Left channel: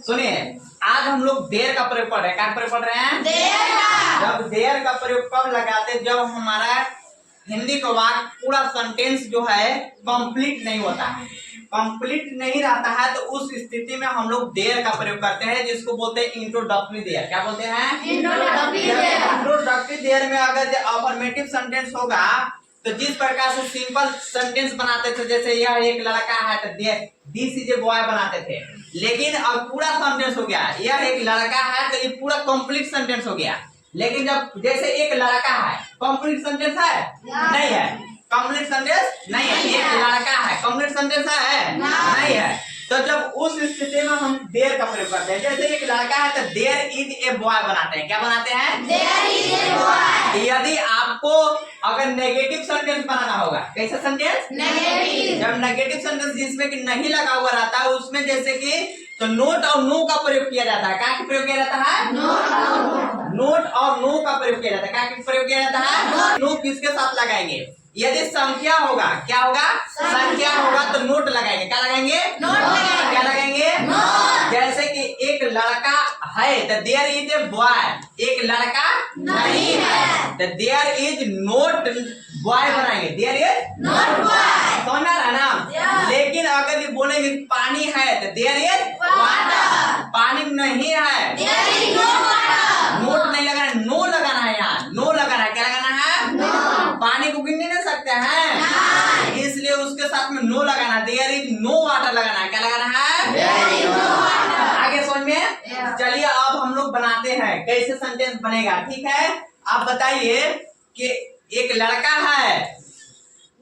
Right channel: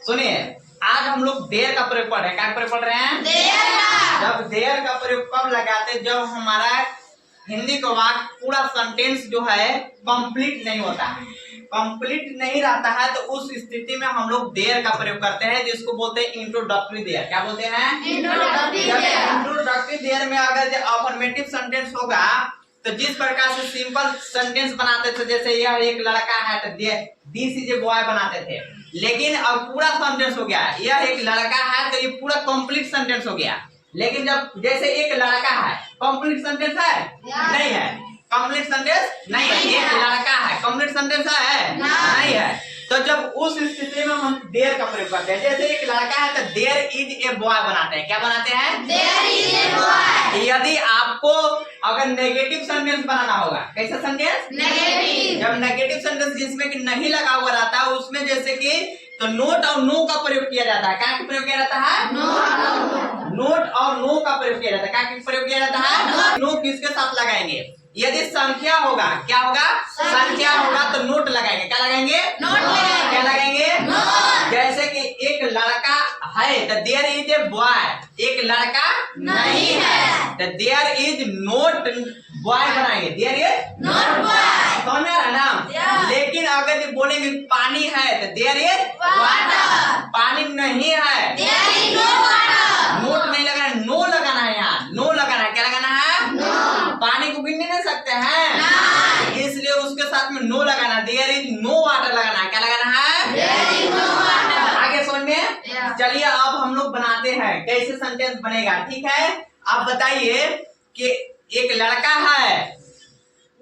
सुनिए, आज हम लोग देयर का प्रयोग पढ़ रहे हैं। क्या प्रयोग पढ़ रहे हैं? देयर का। जब देयर का प्रयोग कब लगाते, जब हमारा हिंदी का वाक्य पूरा सेंटेंस जो है कंप्लीट नहीं होता है, कंप्लीट नहीं रहता है, तो उस स्थिति में हम लोग देयर का प्रयोग करते हैं, जिसको बोलते हैं इंट्रोडक्टरी देयर। क्या बोलते हैं? Introductory there. इंट्रोडक्टरी देयर में अगर जो अफर्मेटिव सेंटेंस होगा, तो जिस प्रकार से सिंपल सेंटेंस बनाते थे, जैसे यह एक लड़का है तो दिस इज ए बॉय बनाते थे, लेकिन अब पूरा सेंटेंस हो गया, यह एक लड़का है तो ये पूरा कंप्लीट सेंटेंस हो गया। लेकिन जब जैसे एक लड़का है, कंप्लीट सेंटेंस है? नहीं है। कंप्लीट सेंटेंस नहीं है। एक लड़का है, कंप्लीट सेंटेंस है? नहीं है। तो जब उस स्थिति में हम देयर का प्रयोग करते हैं, जैसे एक लड़का है तो देयर इज ए बॉय बनाते हैं। क्या बनाते हैं? There is a boy. यदि आपको अगर नेगेटिव सेंटेंस बनाना होगा, कैसा सेंटेंस? नेगेटिव। जब नेगेटिव सेंटेंस जिसमें कि नहीं लगा हुआ रहता है, उसमें जैसे कि तो नोट और नो का प्रयोग किया जाता है। क्या प्रयोग किया जाता है? नोट और नो का प्रयोग किया जाता है। क्या प्रयोग किया जाता है? नो किसके साथ लगाएंगे? यदि संख्या होगा, क्या होगा? संख्या होगा तो नोट लगाएंगे। क्या लगाएंगे? नोट लगाएंगे। क्या लगाएंगे? नोट। जैसे कि एक लड़का है तो देयर इज ए बॉय, एक लड़का नहीं है तो देयर इज नोट बॉय बनाएंगे, देयर इज नोट बॉय। समझ आ रहा है ना? लेकिन अगर ये बोलेंगे पानी है तो देयर इज वाटर। पानी नहीं है, there is no water. Not नहीं लगाना, नो लगाना है, यहाँ नो लगाना है। क्या लगाना है? नो। पानी को गिन नहीं सकते हैं, इसलिए उसके साथ में नो लगाना, देयर इज नो वाटर लगाना है। क्या लगाना है? There is no water. आगे समझ में? चलिए अब हम लोग बनाते हैं कैसे सेंटेंस बनेगा, ठीक है? आप बताइए कि एक लड़का है,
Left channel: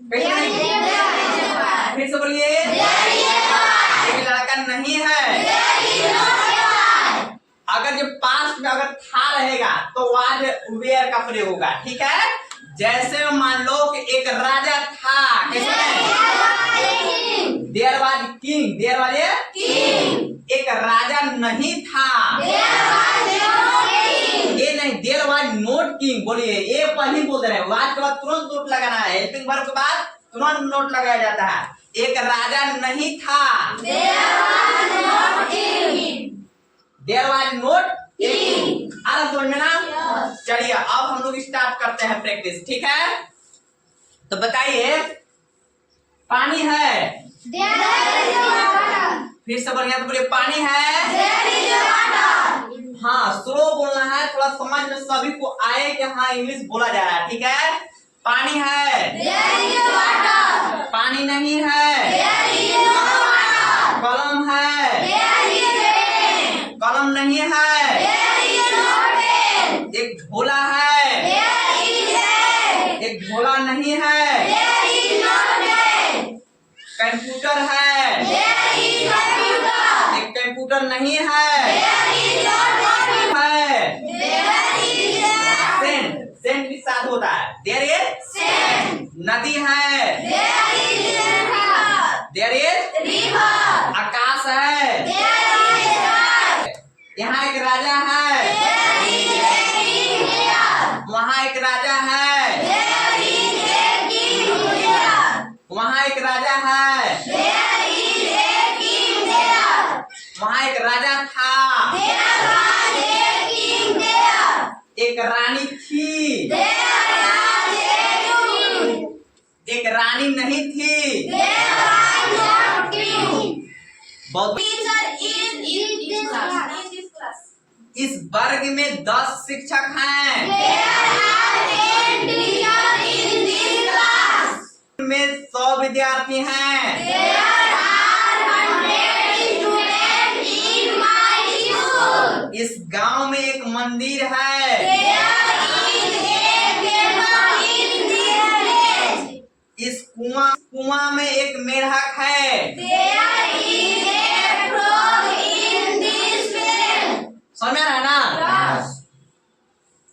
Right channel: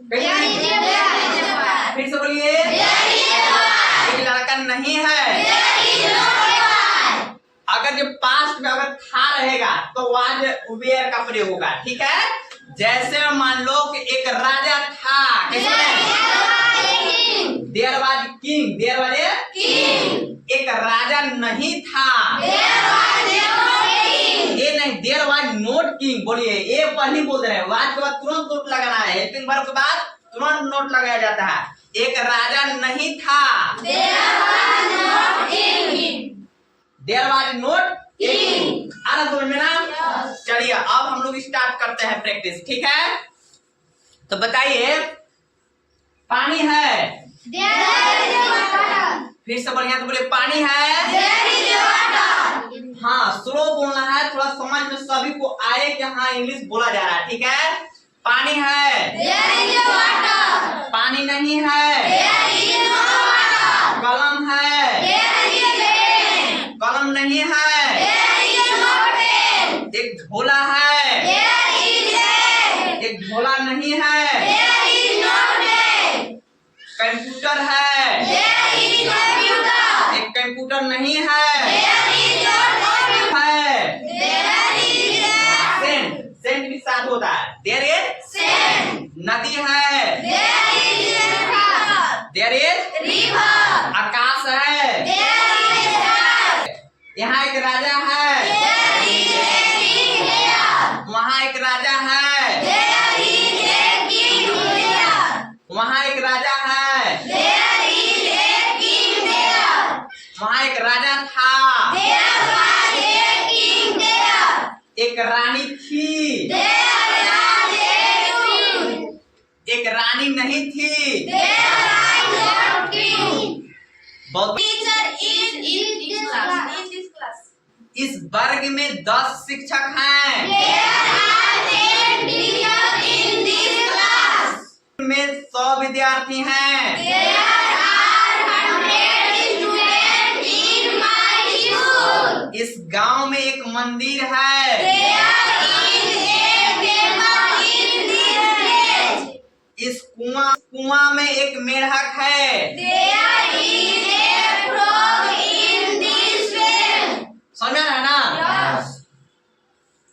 देयर इज ए बॉय। फिर से बोलिए। There is a boy. एक लड़का नहीं है, देयर इज नो बॉय। अगर जो पास्ट में अगर था रहेगा तो वाज वेयर का प्रयोग होगा, ठीक है? जैसे मान लो कि एक राजा था, कैसे? There was king, there was king. एक राजा नहीं था, देयर वाज नो किंग। ये नहीं, देयर वाज नोट किंग। बोलिए, ये पहले बोल रहे हैं, वाज के बाद तुरंत नोट लगाना है, हेल्पिंग वर्ब के बाद तुरंत नोट लगाया जाता है। एक राजा नहीं था, there was no king. There was not king. आ रहा समझ में ना? चलिए अब हम लोग स्टार्ट करते हैं प्रैक्टिस, ठीक है? तो बताइए, पानी है, देयर इज ए वाटर। फिर से बढ़िया तो बोलिए, पानी है। There is a water. हाँ, स्लो बोलना है, थोड़ा समझ में सभी को आए कि हाँ इंग्लिश बोला जा रहा है, ठीक है? पानी है, देयर इज ए वाटर। पानी नहीं है, देयर इज नो वाटर। कलम है, देयर इज ए पेन। कलम नहीं है, देयर इज नो पेन। एक झोला है, देयर इज ए। एक झोला नहीं है, there is no pen. Computer है, देयर इज कंप्यूटर। एक कंप्यूटर नहीं है, देयर इज नो कंप्यूटर। है there is a scent, scent भी साथ होता है, देयर इज सेंट। नदी है, there is a river. There is river. आकाश है, देयर इज स्काई। यहाँ एक राजा है, there is a king here. वहाँ एक राजा है, there is a king here. वहाँ एक राजा है, there is a king there. वहाँ एक राजा था, there was a king there. एक रानी थी, देयर वाज ए किंग। एक रानी नहीं थी। There was no king. बहुत teacher is in this class. इस वर्ग में 10 शिक्षक हैं, there are 10 teacher in this class. में 100 विद्यार्थी हैं, there are 100 student in my school. इस गांव में एक मंदिर है, there is a temple in this village. इस कुआं में एक मेढक है, there is a frog in this well. समझ में आ रहा है ना?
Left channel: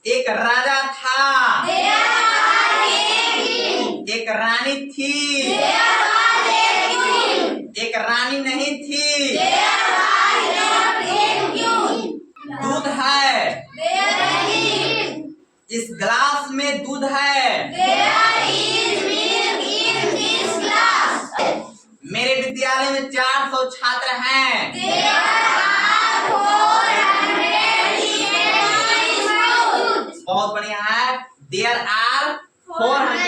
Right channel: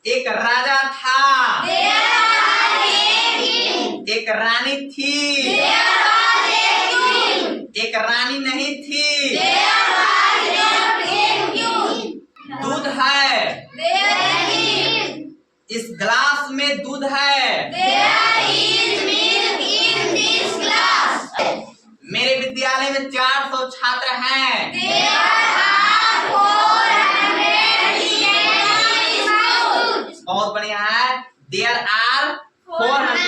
एक राजा था, देयर वाज ए किंग। एक रानी थी, देयर वाज ए क्वीन। एक रानी नहीं थी, there was not a queen. दूध है, देयर इज। इस ग्लास में दूध है, there is milk in this glass. मेरे विद्यालय में 4 There are 400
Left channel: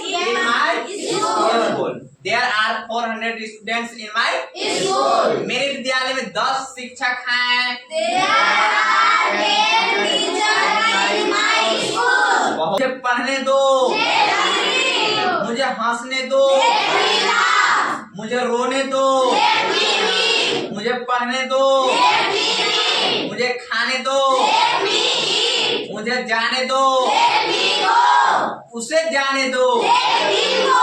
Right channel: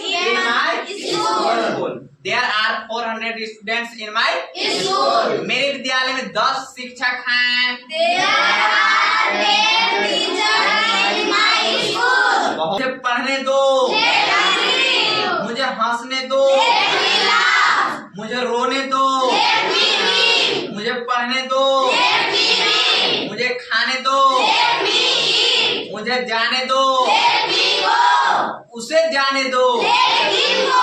in my school. There are 400 students in my School. मेरे विद्यालय में 10 शिक्षक हैं। There are 10 teachers in my school. मुझे पढ़ने दो, Let me read. मुझे हंसने दो, Let me laugh. मुझे रोने दो, Let me read. मुझे पढ़ने दो, Let me read. मुझे खाने दो, Let me eat. मुझे जाने दो, Let me go. उसे जाने दो, Let him go.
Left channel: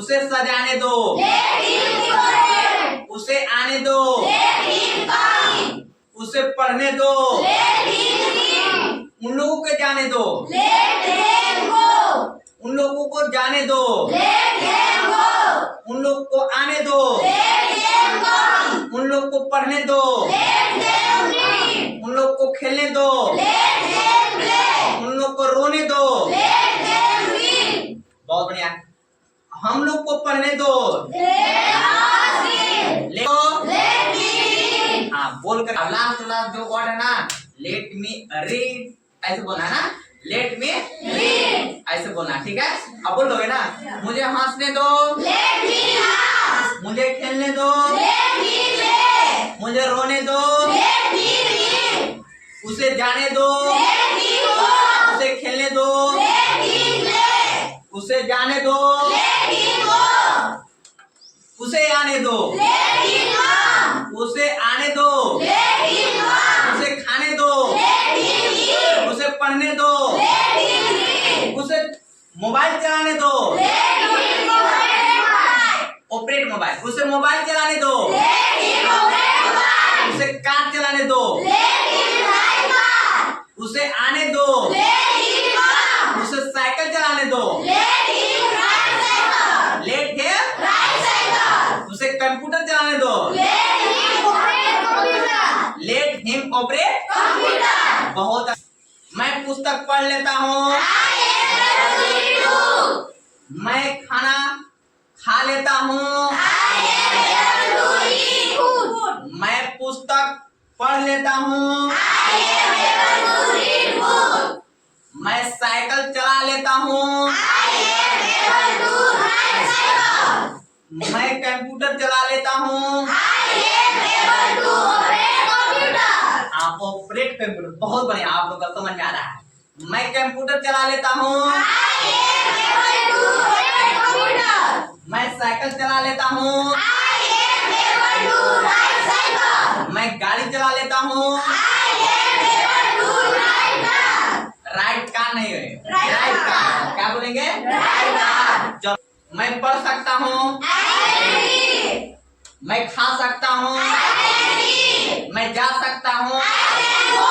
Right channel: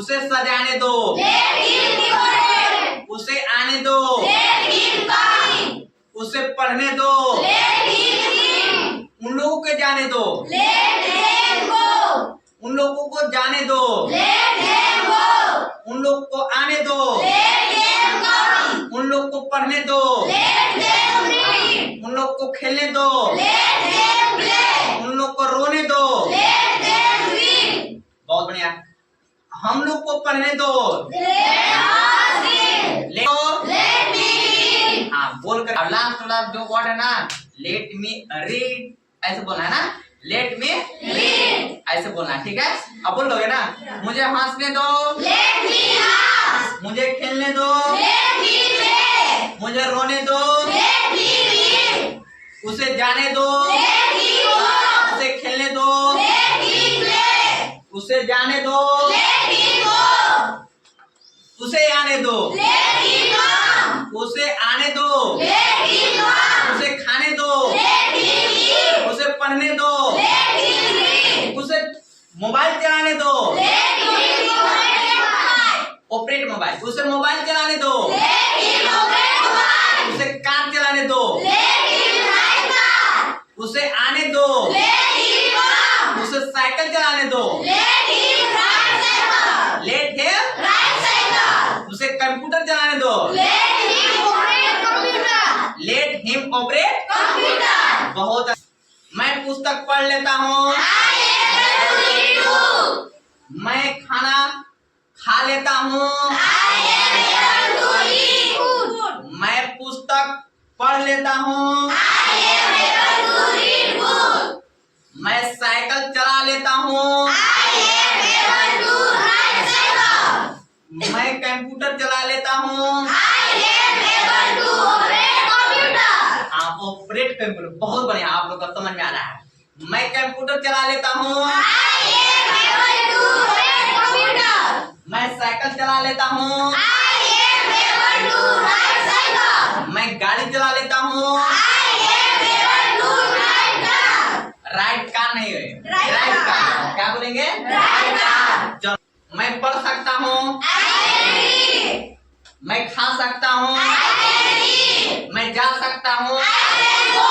उसे सजाने दो, Let him decorate. उसे आने दो, Let him come. उसे पढ़ने दो, Let him read. उन लोगों को जाने दो, Let them go. उन लोगों को जाने दो, Let them go. उन लोगों को आने दो, Let them come. उन लोगों को पढ़ने दो, Let them read. उन लोगों को खेलने दो, Let them play. उन लोगों को रोने दो। Let them win. बहुत बढ़िया। हम लोग को पढ़ने दो, Let us read. ले Let me read. हाँ बोलकर अब लास्ट जो वर्ड है ना, लेट मी रीड, ऐसे बोलना है ना, लेट मी Read. ऐसे बोलना है, ठीक है। अब बोल लोगे ना, मुझे हंसने दो, Let me laugh. मुझे खेलने दो, Let me play. मुझे रोने दो, Let me read. उसे जाने दो, Let me go. उसे खेलने दो, Let me play. उसे जाने दो, Let me go. उसे आने दो, Let me come. उसे आने दो, Let me come. उसे खाने दो, Let me eat. उसे पढ़ने दो, Let me read. उसे मोबाइल चलाने दो, Let me operate. Operate mobile, उसे मोबाइल चलाने दो, Let me operate. उसे कार चलाने दो, Let me ride car. उसे आने दो, Let me come. उसे साइकिल चलाने दो, Let him ride cycle. Let है, Ride cycle. उसे कंप्यूटर चलाने दो, Let him operate computer. Let him operate. Computer. बहुत मैं पुस्तक पढ़ लेता हूँ, I am able to read book. मैं खाना खा लेता हूँ, I am able to eat food. मैं पुस्तक पढ़ लेता हूँ, I am able to read book. मैं साइकिल चला लेता हूँ, I am able to ride cycle. मैं कंप्यूटर चला लेता हूँ। I am able to operate computer. आप ऑपरेट कंप्यूटर, बहुत बढ़िया, आप लोग का समझ में आ रहा है। मैं कंप्यूटर चला लेता हूँ, I am able to operate computer. मैं साइकिल चला लेता हूँ, I am able to ride cycle. मैं गाड़ी चला लेता हूँ, I am able to ride car. Right car नहीं है, Right राइट car. कार, क्या बोलेंगे? Right car. चलो, मैं पढ़ सकता हूँ, I can read. मैं खा सकता हूँ, I can eat. मैं जा सकता हूँ, I can go.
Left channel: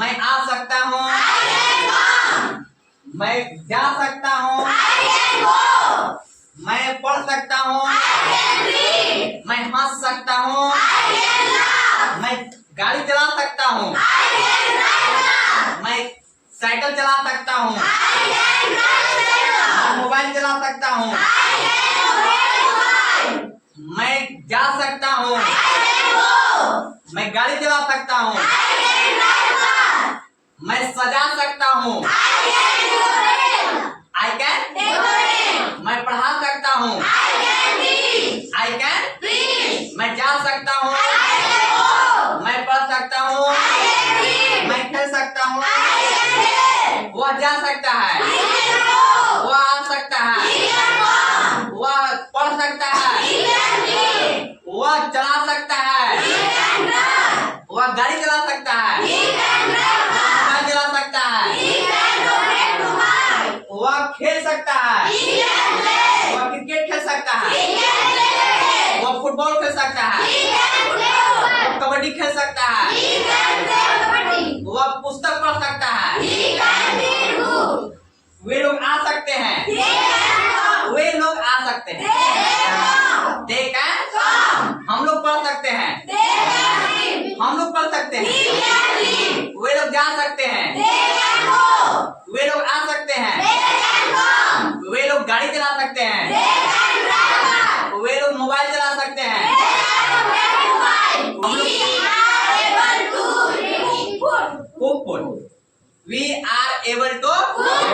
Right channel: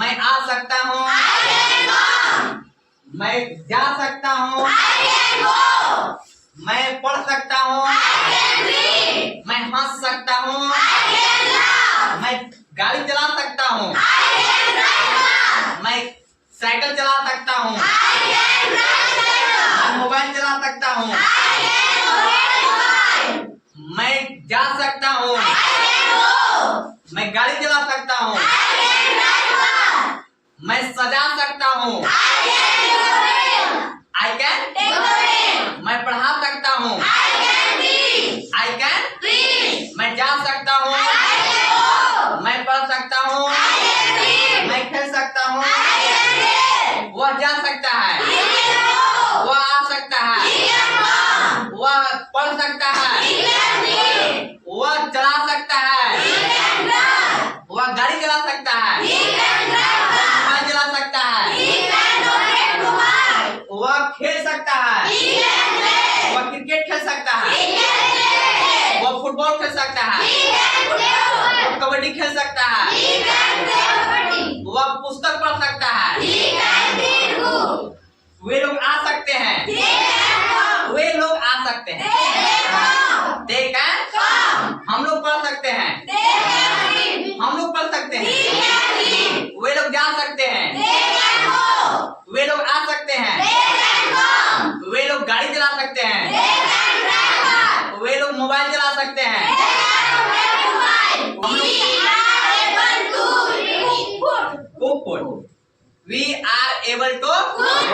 मैं आ सकता हूँ, I can come. मैं जा सकता हूँ, I can go. मैं पढ़ सकता हूँ, I can read. मैं हंस सकता हूँ, I can laugh. मैं गाड़ी चला सकता हूँ, I can ride car. मैं साइकिल चला सकता हूँ, I can ride cycle. मैं मोबाइल चला सकता हूँ, I can operate mobile. मैं जा सकता हूँ, I can go. मैं गाड़ी चला सकता हूँ, I can ride car. मैं सजा सकता हूँ, I can decorate. I can, Decorate. मैं पढ़ा सकता हूँ, I can read. I can, Read. मैं जा सकता हूँ, I can go. मैं पढ़ सकता हूँ, I can read. मैं खेल सकता हूँ, I can play. वह जा सकता है, He can go. वह आ सकता He है, can come. वह पढ़ सकता है, He can read. वह चला सकता है, He can drive. वह गाड़ी चला सकता है, He can drive car. Mobile चला सकता है, He can operate mobile. वह खेल सकता है, He can play. वह क्रिकेट खेल सकता है, He can play. वह फुटबॉल खेल सकता है, He can play वह football. कबड्डी खेल सकता है, He can play kabaddi. वह पुस्तक पढ़ सकता है, He can read book. वे लोग आ सकते हैं, They can come. वे लोग आ सकते They हैं, can come. they can, Come. हम लोग पढ़ सकते हैं, They can read. हम लोग पढ़ सकते He हैं, can read. वे लोग जा सकते हैं, They can go. वे लोग आ सकते हैं, They can come. वे लोग गाड़ी चला सकते हैं, They can drive car. वे लोग मोबाइल चला सकते हैं, They can operate mobile. We are able to read food. Cook food, we are able to Cook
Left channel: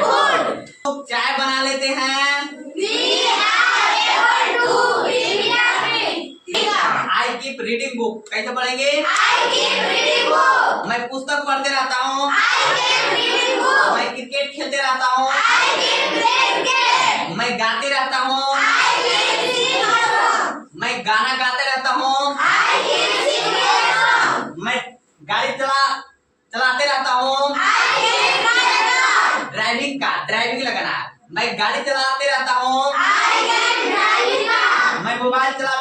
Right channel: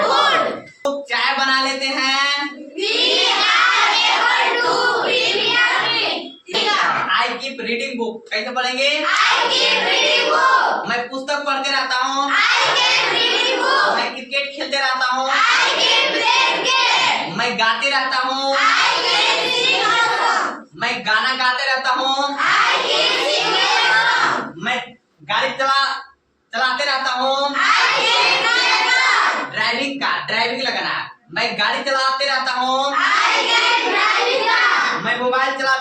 food. चाय बना लेते हैं। We are able to read. I keep reading book, कैसे पढ़ेंगे? I keep reading book. मैं पुस्तक पढ़ते रहता हूँ। I keep reading book. मैं क्रिकेट खेलते रहता हूँ। I keep playing game. मैं गाते रहता हूँ। I keep singing a song. मैं गाना गाते रहता हूँ। I keep singing a song. मैं गाड़ी चलाते रहता हूँ। I keep driving a car. Driving लगाना है। मैं गाड़ी चलाते रहता हूँ। I keep driving a car. मैं मोबाइल चलाते